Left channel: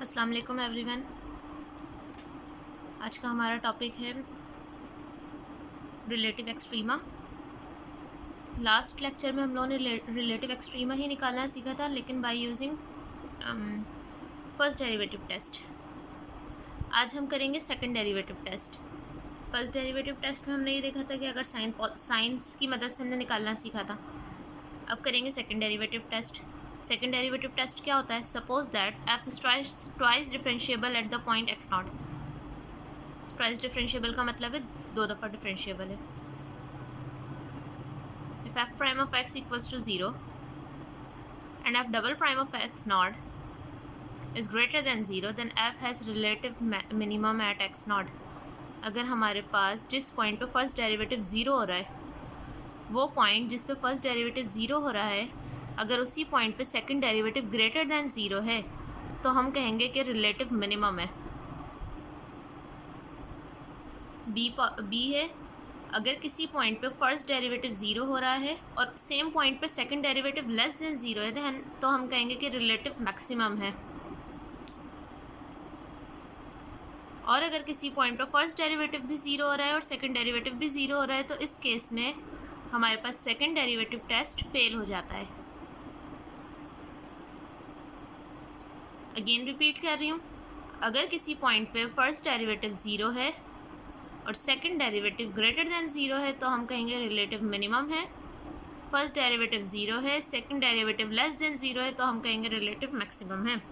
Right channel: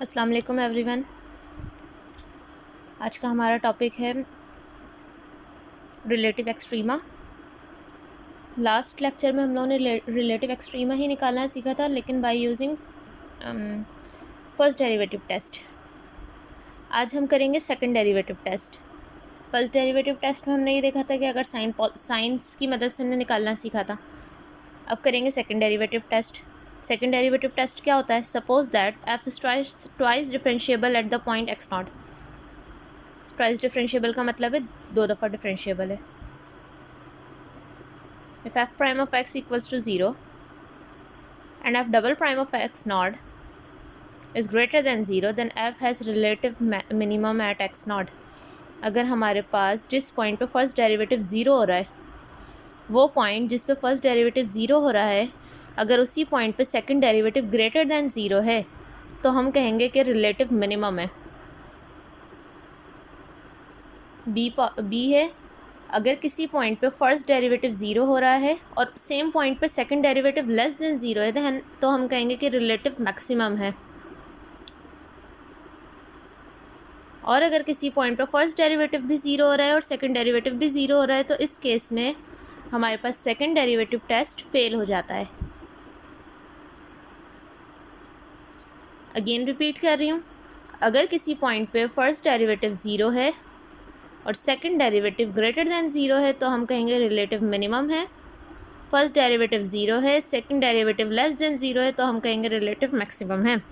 अस्सलाम वालेकुम एवरीवन। आज का हमारा टॉपिक है रिलेटिव एक्सट्रीमा। लास्ट लेक्चर में हम लोगों ने रिलेटिव एक्सट्रीमा ही निकालना सीखा था, लेकिन by using first derivative test. आज हम करेंगे second derivative test. First derivative test में हमने ये देखा था कि अगर साइंस की मदद से हमने निकालना सीखा था। अब करेंगे second derivative test. Second derivative test क्या होता है? Suppose that F is twice differentiable at the point X not. Twice differentiable का मतलब है दो दफ़ा डिफरेंशिएबल है। If f prime of x equals to 0 and f double prime of x naught is greater than 0, then f has relative minimum at x naught। अगर हमारे पास जिस point पे फर्स्ट डेरिवेटिव ज़ीरो हो रहा है, वो पॉइंट जिस पे फर्स्ट डेरिवेटिव ज़ीरो हो रहा है, अगर उसी पॉइंट पे second derivative greater than zero है, तो हम कहेंगे कि रिलेटिव मिनिमम है। बी है, अगर किसी पॉइंट पे फर्स्ट डेरिवेटिव ज़ीरो हो रहा है और सेम पॉइंट पे second derivative less than zero है, तो हम कहेंगे कि रिलेटिव मैक्सिमम है। और अगर किसी पॉइंट पे फर्स्ट डेरिवेटिव भी ज़ीरो हो रहा है और सेकंड डेरिवेटिव भी ज़ीरो हो रहा है, तो इस केस में हमारे पास सेकंड डेरिवेटिव टेस्ट फेल हो जाता है। अगेन रिपीट कर रही हूँ, अगर किसी पॉइंट पे फर्स्ट डेरिवेटिव ज़ीरो है और second derivative greater than zero है, तो हम कहेंगे रिलेटिव मिनिमम है। फर्स्ट डेरिवेटिव ज़ीरो है, second derivative less than zero है, तो हम कहेंगे रिलेटिव मैक्सिमम है।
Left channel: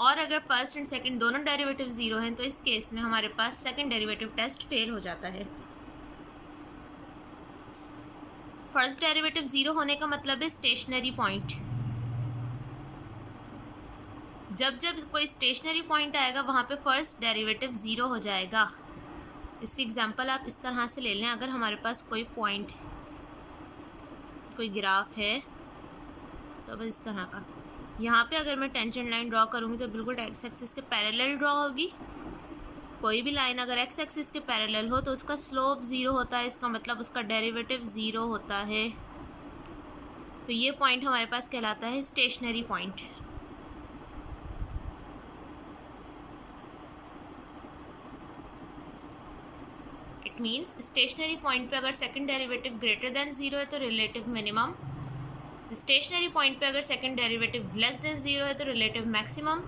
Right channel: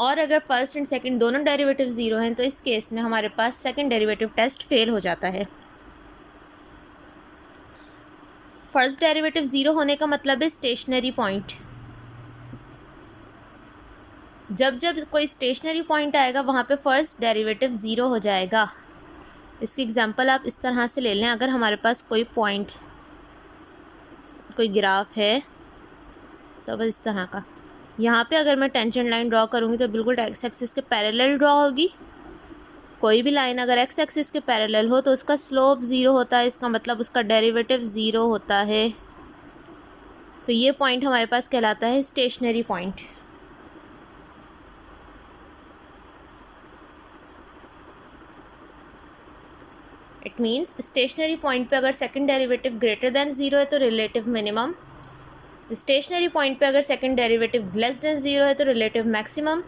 और अगर फर्स्ट एंड सेकंड दोनों डेरिवेटिव ज़ीरो हैं, तो इस केस में हमारे पास सेकंड डेरिवेटिव टेस्ट फेल हो जाता है। फर्स्ट डेरिवेटिव ज़ीरो होने का मतलब है स्टेशनरी पॉइंट। जब जब कोई स्टेशनरी पॉइंट आएगा, वहाँ पे फर्स्ट डेरिवेटिव ज़ीरो हो जाएगा। इसकी एग्जांपल आप इस तरह से ले लें। अगर हमारे पास कोई पॉइंट, कोई ग्राफ है सब इस तरह का, यहाँ पे अगर मैं टेंजेंट लाइन ड्रॉ करूँगी तो बिल्कुल एक्स एक्सिस के पैरेलल ड्रॉ होगी। कोई भी लाइन अगर एक्स एक्सिस के पैरेलल हो तो उसका स्लोप ज़ीरो होता है, इसका मतलब उसका डेरिवेटिव ज़ीरो होता है। तो ये पॉइंट हमारे पास कहलाता है stationary point. It means stationery point पे अगर second derivative greater than zero है तो रिलेटिव मिनिमम। स्टेशनरी पॉइंट पे अगर second derivative less than zero है तो रिलेटिव मैक्सिमम।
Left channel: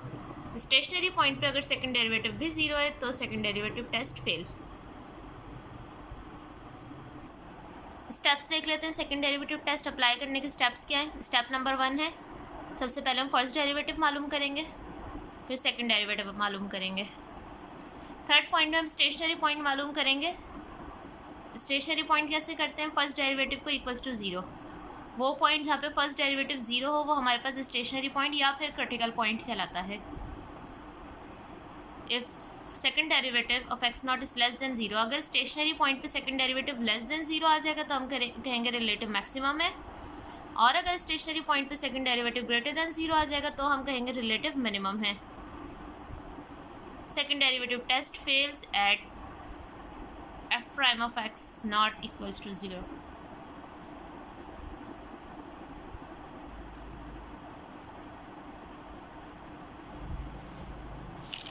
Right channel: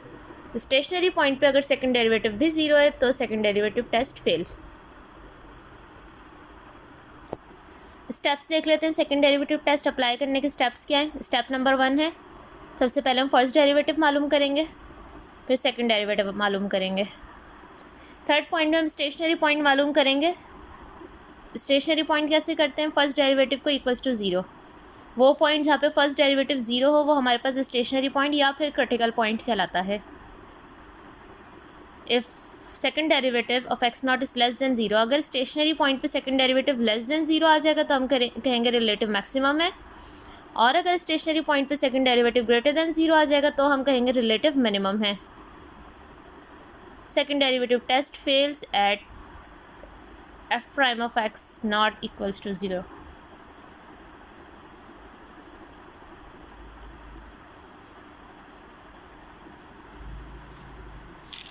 स्टेशनरी पॉइंट पे अगर सेकंड डेरिवेटिव भी ज़ीरो है तो second derivative test fail. Steps देख लेते हैं। सेकंड डेरिवेटिव टेस्ट अप्लाई करने के स्टेप्स क्या हैं? स्टेप नंबर 1 है, सबसे पहले हम फर्स्ट डेरिवेटिव मालूम करेंगे, फिर सेकंड डेरिवेटिव मालूम करेंगे। थर्ड पॉइंट में हम स्टेशनरी पॉइंट मालूम करेंगे। स्टेशनरी पॉइंट कैसे करते हैं? फर्स्ट डेरिवेटिव को इक्वल्स टू ज़ीरो। वो पॉइंट जहाँ पे फर्स्ट डेरिवेटिव ज़ीरो हो वो हमारे पास स्टेशनरी पॉइंट या फिर क्रिटिकल पॉइंट कहलाता है। If second derivative of x naught is less than zero, अगर स्टेशनरी पॉइंट पे second derivative less than zero आ जाएगा तो हम कहेंगे रिलेटिव मैक्सिमम है। और अगर स्टेशनरी पॉइंट पे second derivative greater than zero आ जाएगा तो हम कहेंगे रिलेटिव मिनिमम है। Second derivative test fails at f prime of x naught equals to zero.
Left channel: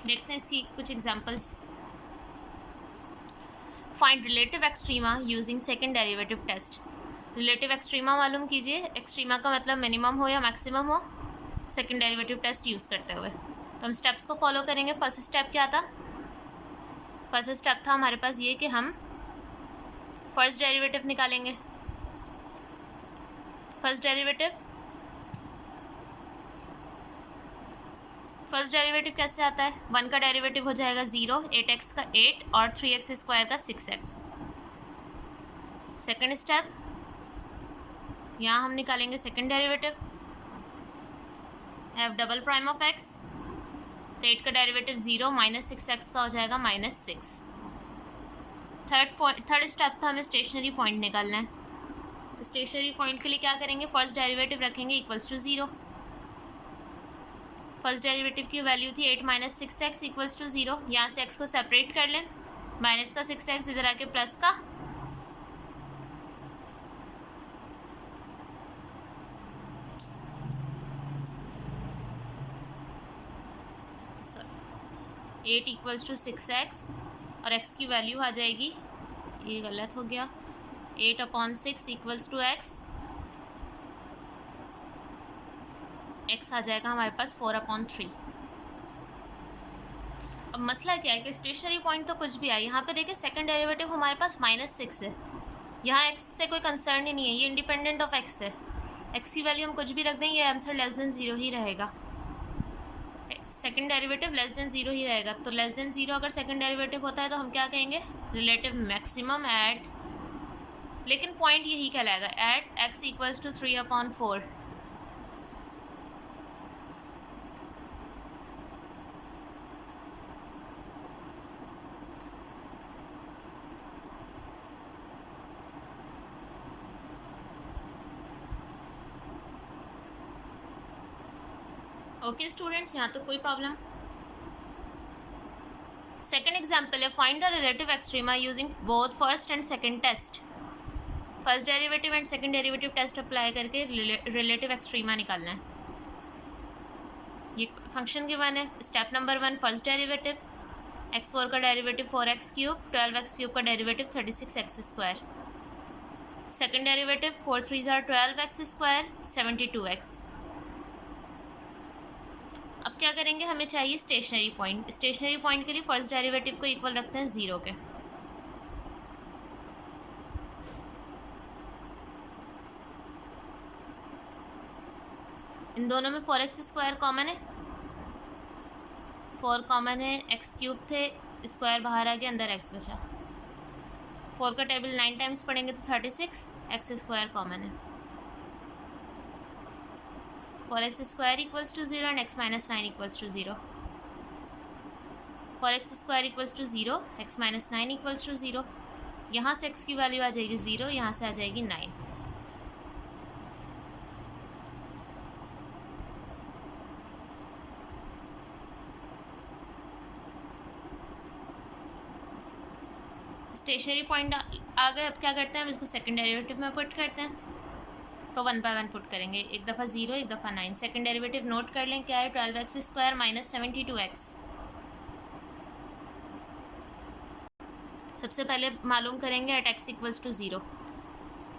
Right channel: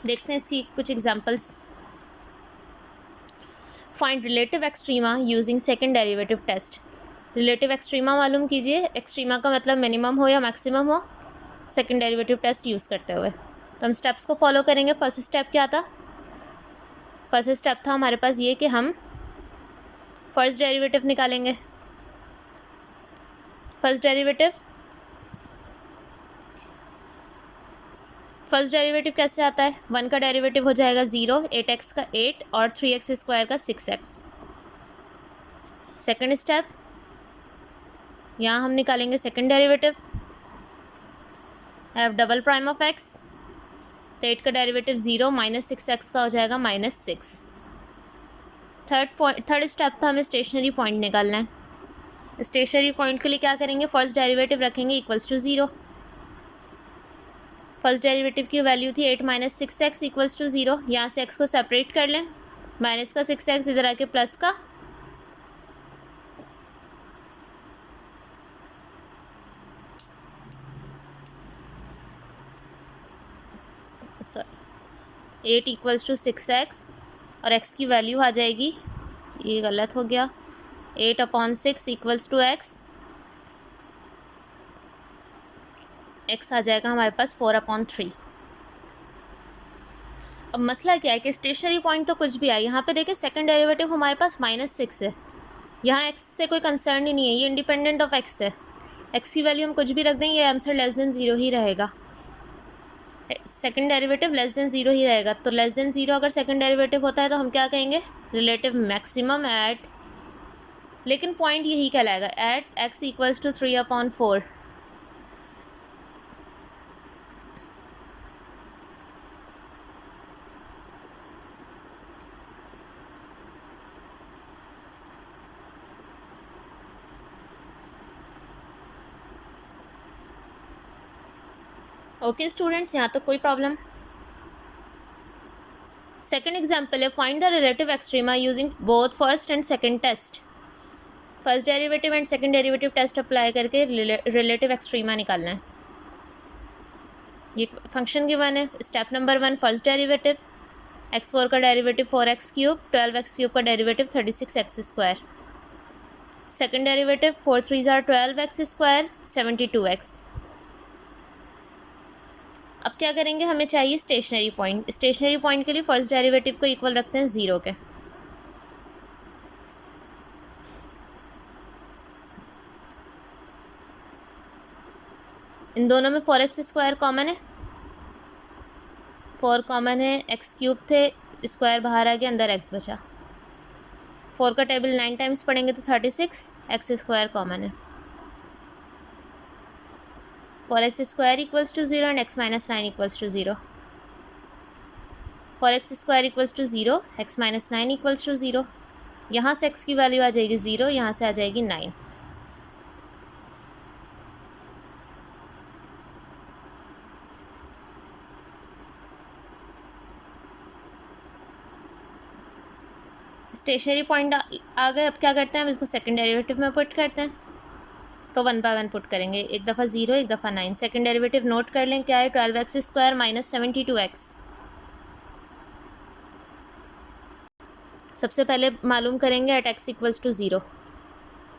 देखते हैं इसकी कुछ examples. Find relative extrema using second derivative test. Relative extrema मालूम कीजिए। एक्सट्रीमा का मतलब मिनिमम हो या मैक्सिमम हो, सेकंड डेरिवेटिव टेस्ट यूज़ करते हुए। तो हम स्टेप्स को फॉलो करेंगे। फर्स्ट स्टेप क्या था? फर्स्ट स्टेप था हमारे पास ये कि हम फर्स्ट डेरिवेटिव निकालेंगे। फर्स्ट डेरिवेटिव कैसे आता है? 1 का डेरिवेटिव हो जाएगा 0, 8x का 8 और 3x स्क्वायर का 6x। सेकंड स्टेप, यहाँ हम निकालेंगे second derivative. F double prime of x, तो 8 का डेरिवेटिव 0 माइनस 6x का हो जाएगा -6। थर्ड स्टेप था हमें स्टेशनरी पॉइंट निकालना है। स्टेशनरी पॉइंट के लिए क्या करेंगे? फर्स्ट डेरिवेटिव रखेंगे इक्वल्स टू 0। फर्स्ट डेरिवेटिव की वैल्यू थी 8 माइनस 6x इक्वल्स टू 0। यहाँ से x को सेपरेट कर लें, माइनस का 6x इधर आके प्लस का, सॉरी 8 इक्वल्स टू 6x और x की वैल्यू आ जाएगी, ये गलत हो गया, 8/6 इक्वल्स टू x आ जाएगा हमारे पास 4/3। अब मसला क्या है कि स्टेशनरी पॉइंट तो कुछ भी है, यहाँ पे देखिए सेकंड डेरिवेटिव हमारे पास -6 है, यहाँ x से कोई कंसर्न ही नहीं है, ये इंडिपेंडेंट ऑफ x है, x की वैल्यू हम कुछ भी रख दें ये आंसर लेस देन 0 ही रहेगा, सेकंड डेरिवेटिव लेस देन 0 ही रहेगा। तो लेस देन 0 अगर सेकंड डेरिवेटिव होता है तो हम क्या कहेंगे, रिलेटिव मैक्सिमम एट, लेकिन पॉइंट यही कहलाएगा, at x equals to 3/4। Okay students, यहाँ तक कोई प्रॉब्लम। सेकंड एग्जांपल है, find the relative extrema using both first and second test. First derivative and second derivative test apply करके रिलेटिव एक्सट्रीमा निकालना है। ये फंक्शन गिवन है, step number 1 first derivative, x4 का डेरिवेटिव 4x3, 12x3 का derivative 36x², second derivative 4 3 12x², 72x। अब क्या करेंगे, हमें चाहिए स्टेशनरी पॉइंट। स्टेशनरी पॉइंट के लिए फर्स्ट डेरिवेटिव को इक्वल रखते हैं 0 के। इन दोनों में 4x² कॉमन है, 4 कॉमन है, x³ थे, स्क्वायर बाहर आ गया, अंदर x बचा। 4 का टेबल 9 टाइम्स पढ़ेंगे तो 36, x² कॉमन है, 4x² equals to 0 and x - 9 equals to 0। 4x² equals to 0, x - 9 equals to 0। यहाँ से x की वैल्यू आ जाएगी 0, यहाँ से आ जाएगी 9। स्टेशनरी पॉइंट आ गए। अब क्या करते हैं, हम इसको सेकंड डेरिवेटिव में पुट करते हैं, तो 1 बाय 1 पुट करेंगे, एक दफ़ा 0 एक दफ़ा 9। सेकंड डेरिवेटिव नोट कर लें, क्या है, 12x² - 72x। सबसे पहले मालूम करेंगे एट x इक्वल्स टू 0,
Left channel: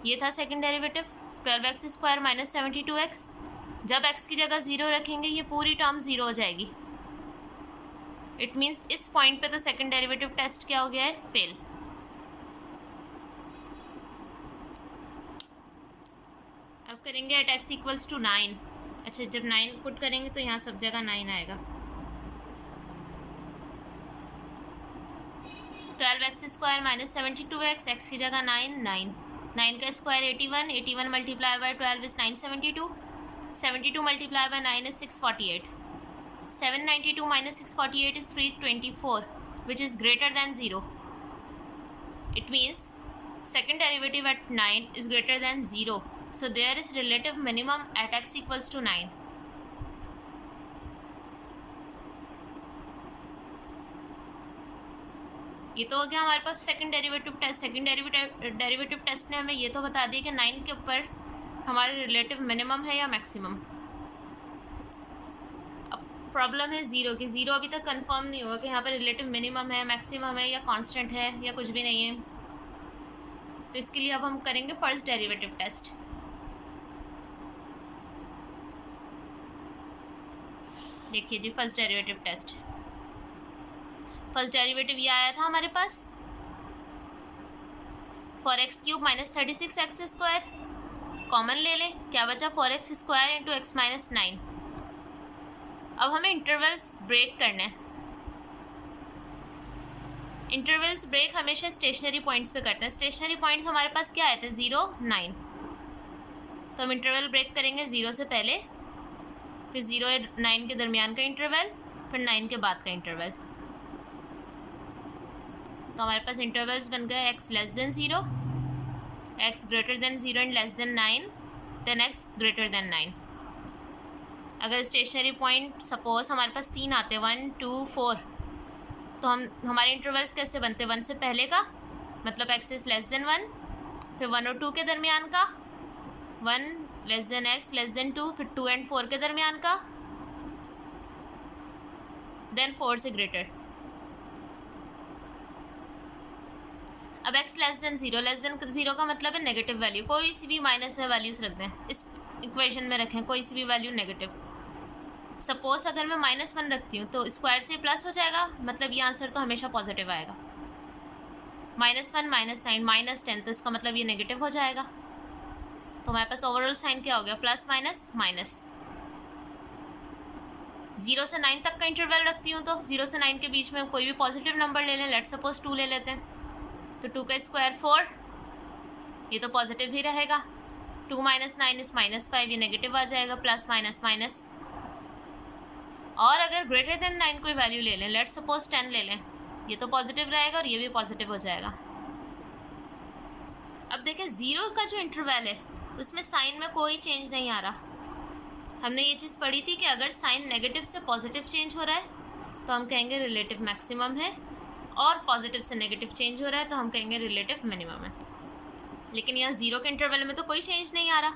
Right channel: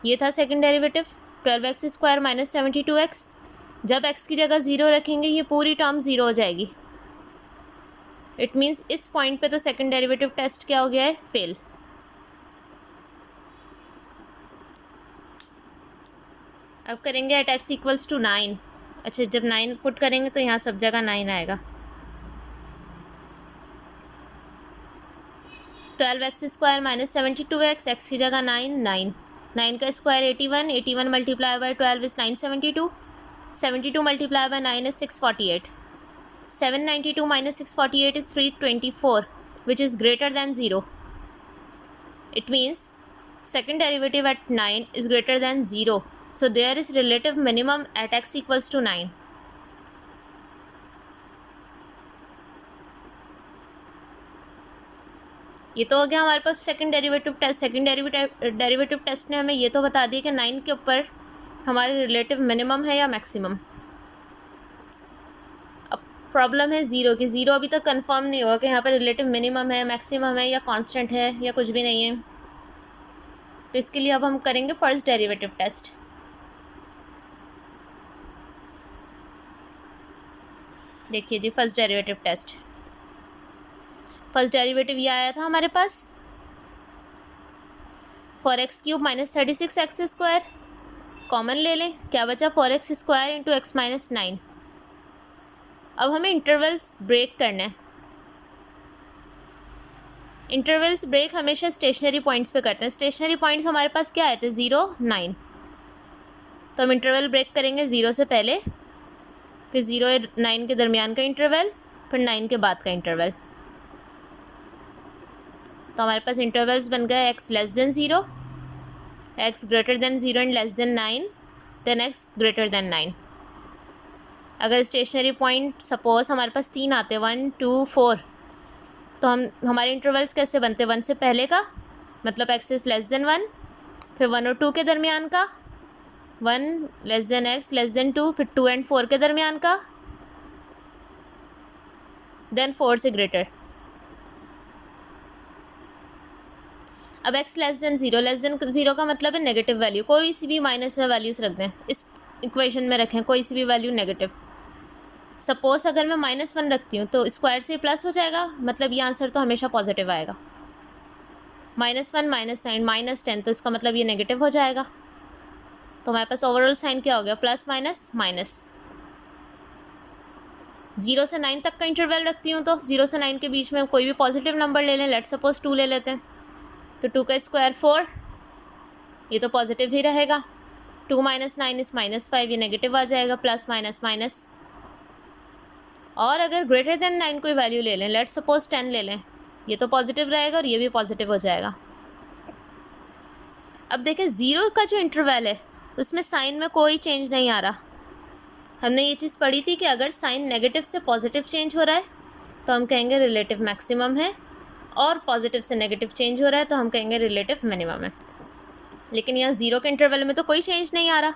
ये था सेकंड डेरिवेटिव 12x² - 72x। जब x की जगह 0 रखेंगे ये पूरी टर्म 0 हो जाएगी। इट मीन्स इस पॉइंट पे तो सेकंड डेरिवेटिव टेस्ट क्या हो गया है, फेल। अब करेंगे एट x इक्वल्स टू 9। अच्छा, जब 9 पुट करेंगे तो यहाँ सब जगह 9 आएगा। 12x² - 72x, x की जगह 9, 9 का square 81, 81 multiply by 12 is 972, 72 multiply by 9 is 648, 792 - 648 is 324, which is greater than 0. It means second derivative at 9 is greater than 0. So there is relative minimum at x equals to 9. ये तो हो गया हमारे पास second derivative test. Second derivative test ने हमें ये तो बता दिया कि 9 के ऊपर हमारे रिलेटिव मिनिमम है या मैक्सिमम। प्रॉब्लम है 0 की, 0 अभी तक कंफर्म नहीं हुआ कि यहाँ पर रिलेटिव मिनिमम है, मैक्सिमम है या कांस्टेंट है या कुछ भी नहीं है। तो इसके लिए अब हम करेंगे फर्स्ट डेरिवेटिव टेस्ट। देखिए जी, first derivative test, first derivative ये आया था हमारे पास 4x³ - 36x², कॉमन ले लें, क्या बचा 4x² × x - 9। अब हमें इंटरवल्स ब्रेक करना है। इंटरवल्स ब्रेक हमेशा स्टेशनरी पॉइंट्स पे करते हैं। स्टेशनरी पॉइंट्स हमारे पास क्या आए थे, 0 9, तो हम इंटरवल ब्रेक करेंगे 0 से पहले, फिर 0 और 9 के दरमियान का इंटरवल, फिर 9 के बाद का इंटरवल। तो हमारे पास इंटरवल्स बन गए x less than 0, x greater than 0 and less than 9, then x greater than 9। अगर स्टेशनरी पॉइंट सपोज हमारे पास 3 आते, 1 2 4, तो हमारे इंटरवल्स कैसे बनते, 1 से पहले का मतलब x इज़ लेस देन 1, फिर 1 और 2 के दरमियान का, 1 less than x less then 2, फिर 2 एंड 4 के दरमियान का, देन 4 से ग्रेटर। अब x लेस देन ज़ीरो का मतलब है नेगेटिव वैल्यू, कोई सी भी माइनस में वैल्यूज रख दें, इस इक्वेशन में रखें कोई सी भी वैल्यू नेगेटिव। सपोज अगर मैं -1 रखती हूँ तो स्क्वायर से प्लस हो जाएगा, मतलब ये आंसर तो हमेशा पॉजिटिव आएगा। -1 -9 -10 तो इसका मतलब ये नेगेटिव हो जाएगा। तो हमारे पास ओवरऑल साइन क्या हो गया, प्लस माइनस माइनस। 0 से 9 तक का इंटरवल रखती हूँ तो 0 से 9 के बीच में कोई भी पॉजिटिव नंबर ले लें, लेट सपोज 2 ले लेते हैं, तो 2 का स्क्वायर 4, ये तो पॉजिटिव ही रहेगा। 2 - 9 इस -5, ये नेगेटिव आ जाएगा, प्लस माइनस माइनस। और अगर ग्रेटर देन 9 कोई वैल्यू ले लें, लेट सपोज 10 ले लें, ये तो पॉजिटिव रहेगा और ये भी पॉजिटिव हो जाएगा। अब देखें 0 का जो इंटरवल है उसमें साइन में कोई चेंज नहीं आ रहा। हमने ये चीज़ पढ़ी थी कि अगर साइन नेगेटिव से पॉजिटिव चेंज हो रहा है तो हम कहेंगे रिलेटिव मैक्सिमम है, और पॉजिटिव से नेगेटिव चेंज हो रहा है तो हम कहेंगे रिलेटिव मिनिमम है। लेकिन यहाँ 0 के इंटरवल में तो कोई चेंज नहीं आ रहा।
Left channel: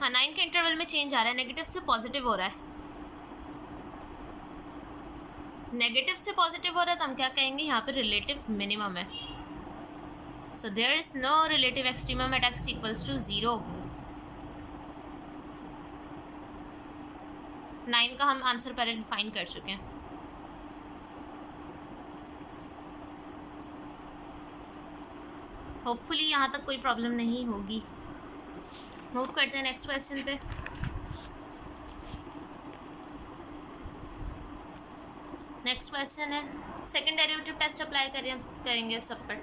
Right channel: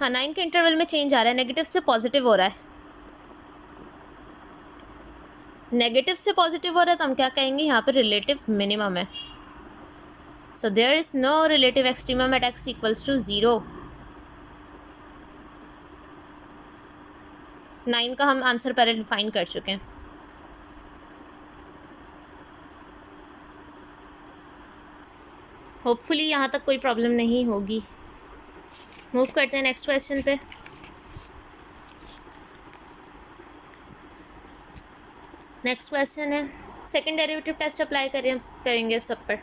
हाँ, 9 के इंटरवल में चेंज आ रहा है, नेगेटिव से पॉजिटिव हो रहा है। नेगेटिव से पॉजिटिव हो रहा है तो हम क्या कहेंगे, यहाँ पर रिलेटिव मिनिमम है। So there is no relative extremum at x equals to 0। 9 का हम आंसर पहले डिफाइन कर चुके हैं। होपफुली यहाँ तक कोई प्रॉब्लम नहीं होगी। मूव करते हैं नेक्स्ट क्वेश्चन पे। नेक्स्ट क्वेश्चन है, सेकंड डेरिवेटिव टेस्ट अप्लाई करेंगे सब पर।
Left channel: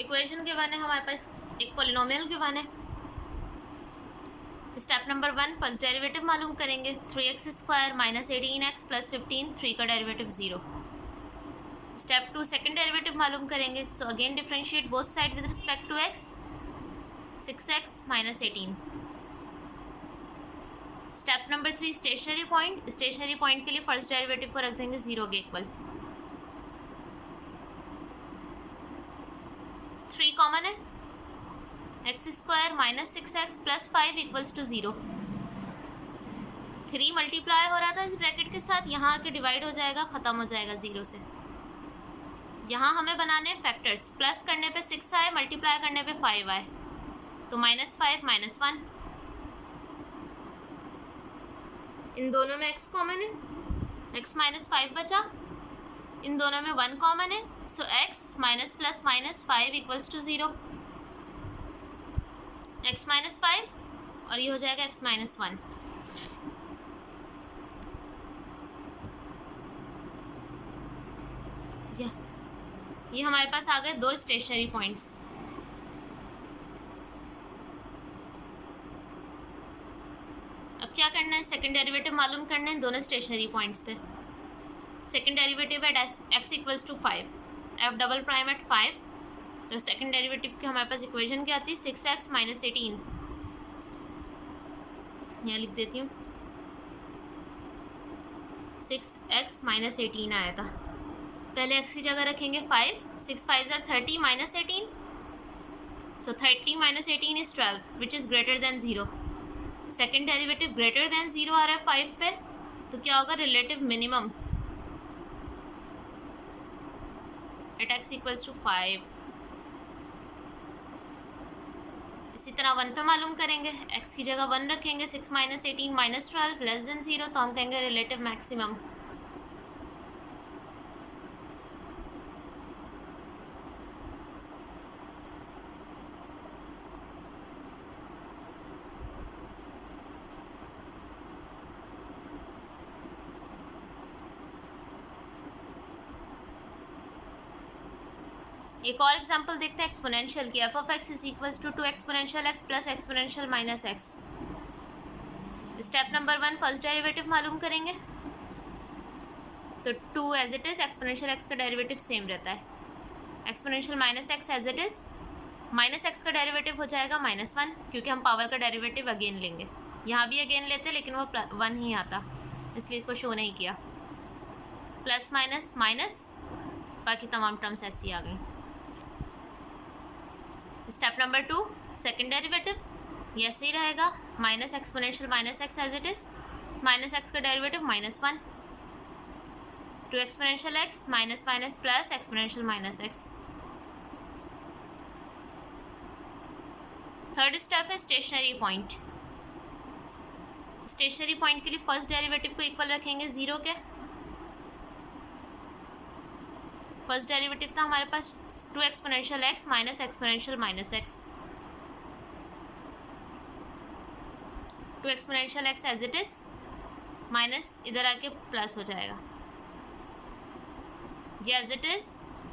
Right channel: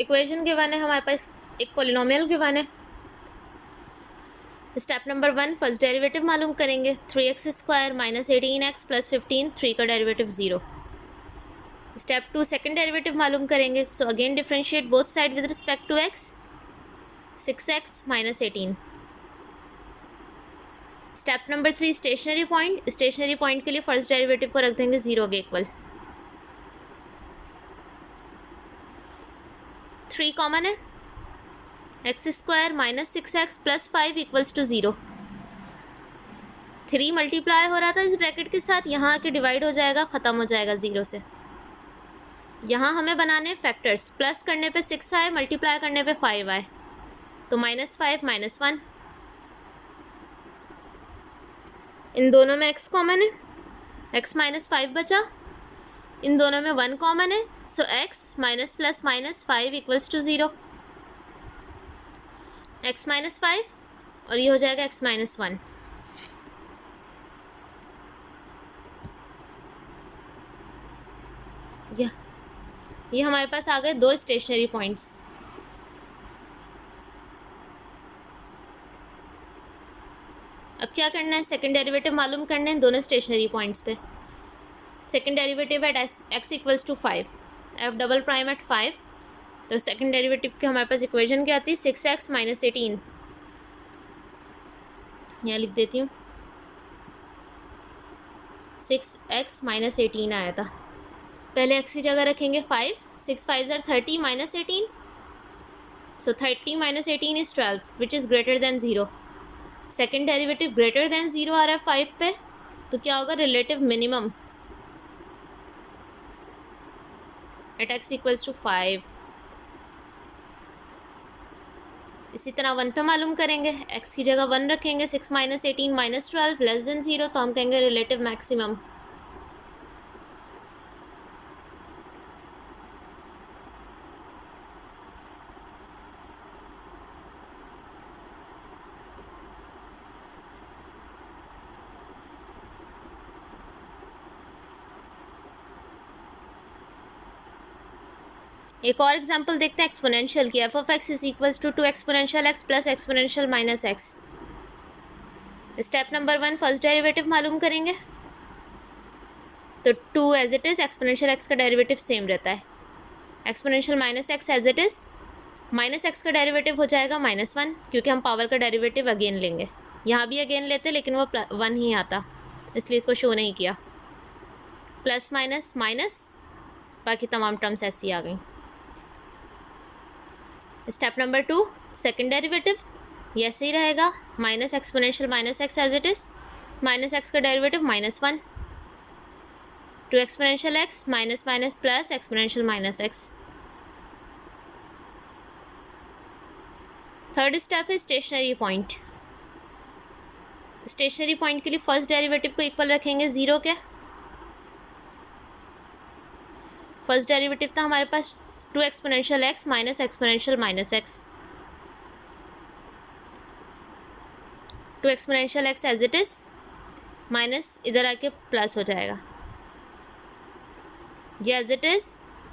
इक्वेशन गिवन है हमारे पास, एक पॉलिनोमियल गिवन है। स्टेप नंबर 1 फर्स्ट डेरिवेटिव मालूम करेंगे, 3x² - 18x + 15, 3 का डेरिवेटिव 0। स्टेप 2 सेकंड डेरिवेटिव मालूम करेंगे, so again differentiate both side with respect to x, 6x - 18। Step number 3 stationary point के लिए फर्स्ट डेरिवेटिव को रख देंगे 0 के इक्वल। 3 कॉमन है, x² - 6x + 5 = 0। 3 मल्टीप्लाई हो रहा था इस ब्रैकेट के साथ, यहाँ आके डिवाइड हो जाएगा, ख़त्म हो जाएगा 0 से। यहाँ हमें बनाने फैक्टर्स, प्लस करने पे 6 आए, मल्टीप्लाई करने पे 5 आए, तो -5 - 1। इन दोनों में x कॉमन है, x - 5 बचा। इन दोनों में 1 कॉमन है, सो x - + -5 = 0। x - 5 और ये हो जाएगा x - 1। ये हमारे पास आ गए 2 स्टेशनरी पॉइंट्स। अब क्या करना है, सेकंड डेरिवेटिव मालूम करना है दोनों स्टेशनरी पॉइंट्स पे। Second derivative eight x = 5, f double prime eight 5, तो सेकंड डेरिवेटिव की हमारे पास इक्वेशन क्या आती है, 6x - 18। यहाँ लिख देती हूँ, 6x - 18 आया था। पहले x की जगह रखेंगे 5, 6 5 = 30 - 18, सो 30 - 18 is 12, which is greater than 0। Second derivative greater than 0 आ रहा है 5 पे, तो क्या होगा, रिलेटिव मिनिमम एट x = 5। इसी तरह 1 पे मालूम करेंगे, x की जगह 1 रखेंगे, 6 - 18 - 12 लेस देन 0, तो हम कहेंगे रिलेटिव मैक्सिमम। एक और एग्जांपल देखते हैं एक्सपोनेंशियल की। f of x = 2 exponential x + exponential -x। Step number 1 first derivative मालूम करेंगे, तो 2 as it is, exponential x का डेरिवेटिव सेम रहता है। Exponential -x as it is, -x का डेरिवेटिव हो जाएगा -1, क्योंकि हम पावर का डेरिवेटिव अगेन लेंगे। यहाँ भी अगेन लेते लेकिन वो 1 ही आता, इसलिए इसको शो नहीं किया। प्लस माइनस माइनस, बाकी तमाम टर्म्स ऐसी आ गई। स्टेप नंबर 2 सेकंड डेरिवेटिव, ये ऐसे ही रहेगा, minus exponential -x as it is, -x का derivative -1। Two exponential x minus minus plus exponential minus x. Third step है स्टेशनरी पॉइंट। स्टेशनरी पॉइंट के लिए फर्स्ट डेरिवेटिव को इक्वल रखेंगे ज़ीरो के। फर्स्ट डेरिवेटिव था हमारे पास two exponential x minus exponential minus x. Two exponential x as it is minus इधर आके प्लस हो जाएगा, ये एज इट इज़।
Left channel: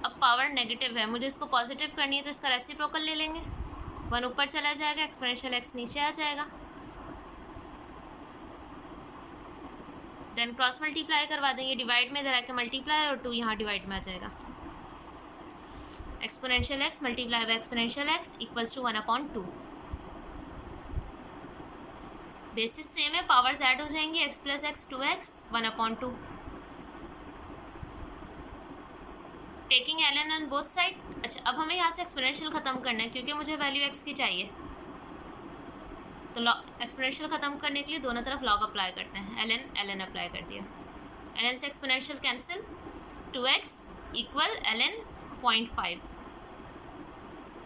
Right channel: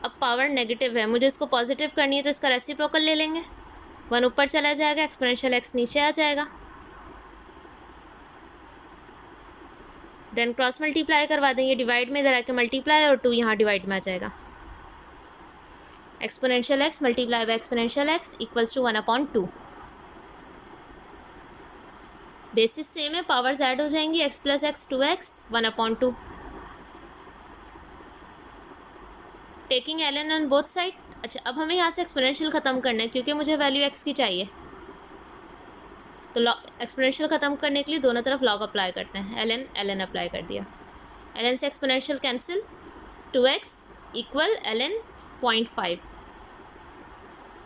अब पावर नेगेटिव है, मुझे इसको पॉजिटिव करनी है तो इसका रेसिप्रोकल ले लेंगे, वन ऊपर चला जाएगा, एक्सपोनेंशियल एक्स नीचे आ जाएगा। देन क्रॉस मल्टीप्लाई करवा देंगे, डिवाइड में इधर आके मल्टीप्लाई और टू यहाँ डिवाइड में आ जाएगा। Exponential X multiply by exponential X equals to 1/2। Basis same है, पावर्स ऐड हो जाएंगी, X plus X 2x 1/2। Taking ln on both side. अच्छा, अब हमें यहाँ से एक्सपोनेंशियल ख़त्म करना है क्योंकि मुझे वैल्यू x की चाहिए, तो एक्सपोनेंशियल ख़त्म करने के लिए दोनों तरफ लॉग अप्लाई करते हैं। ln अप्लाई कर दिया, ln से exponential cancel, 2x equal ln 0.5।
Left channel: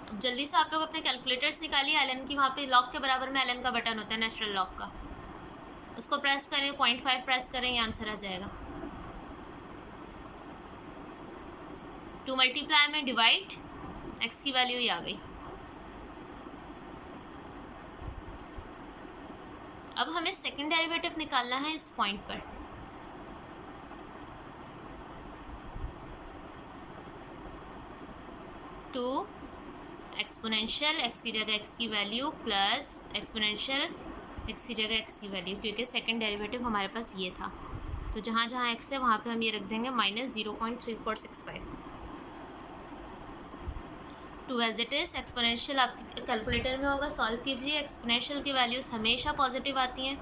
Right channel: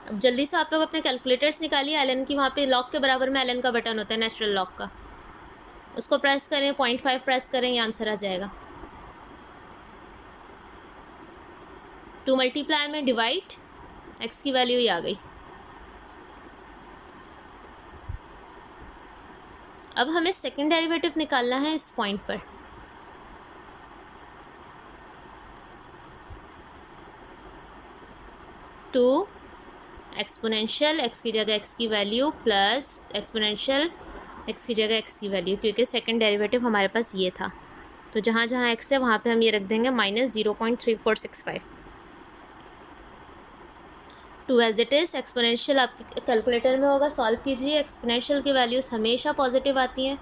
अब जल्दी से आप लोग अपने कैलकुलेटर्स निकालिए, ln की वहाँ पे लॉग के बराबर में ln का बटन होता है नेचुरल लॉग का, उसको प्रेस करें, 0.5 प्रेस करें, ये आंसर आ जाएगा। टू मल्टीप्लाई में डिवाइड, x की वैल्यू ही आ गई। अब हमें सेकंड डेरिवेटिव निकालना है इस पॉइंट पर। टू एक्सपोनेंशियल एक्स की जगह x की वैल्यू प्लस एक्सपोनेंशियल x की जगह x की वैल्यू, क्योंकि सेकंड डेरिवेटिव हमारे पास ये था, तो जहाँ जहाँ x है वहाँ पे हम ये रख देंगे -0.3465। Two as it is, exponential आपके कैलकुलेटर में होगा, सॉल्व कीजिए। एक्सपोनेंशियल की वैल्यूज़ हमेशा पॉजिटिव आती हैं।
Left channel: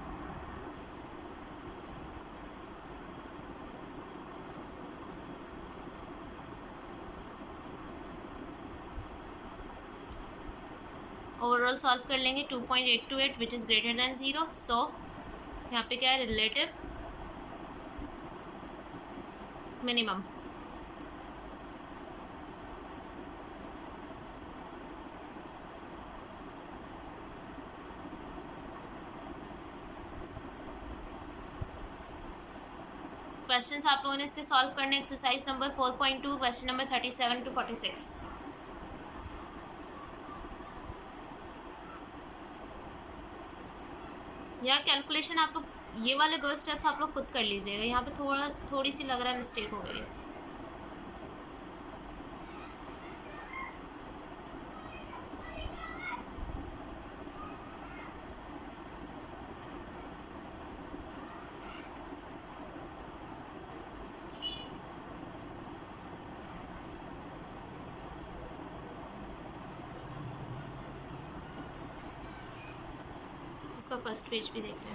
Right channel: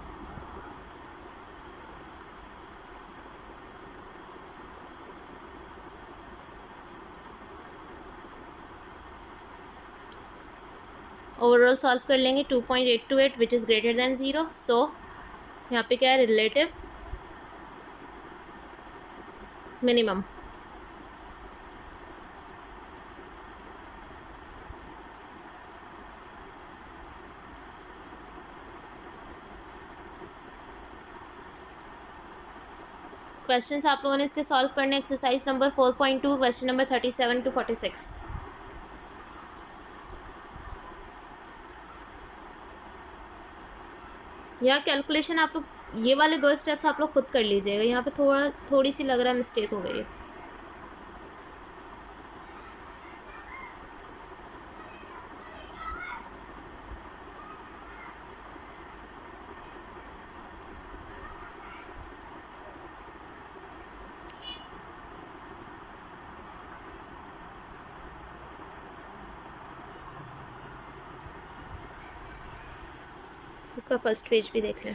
ओवरऑल सॉल्व कर लेंगे 2.828 विच इज़ ग्रेटर दैन 0। सो यहाँ पे क्या है, रिलेटिव मिनिमम। क्वेश्चंस आप लोगों ने इसके सॉल्व करने, exercise number 4.2, question number 37 to 46। यह कैलकुलेशन आप लोग, ये वाले 2 स्टेप्स आप लोग खुद कर लीजिएगा, यहाँ पे थोड़ी सी लग रहा है मिस्टेक हो गई है। इसका फर्स्ट पेज भी देख लें।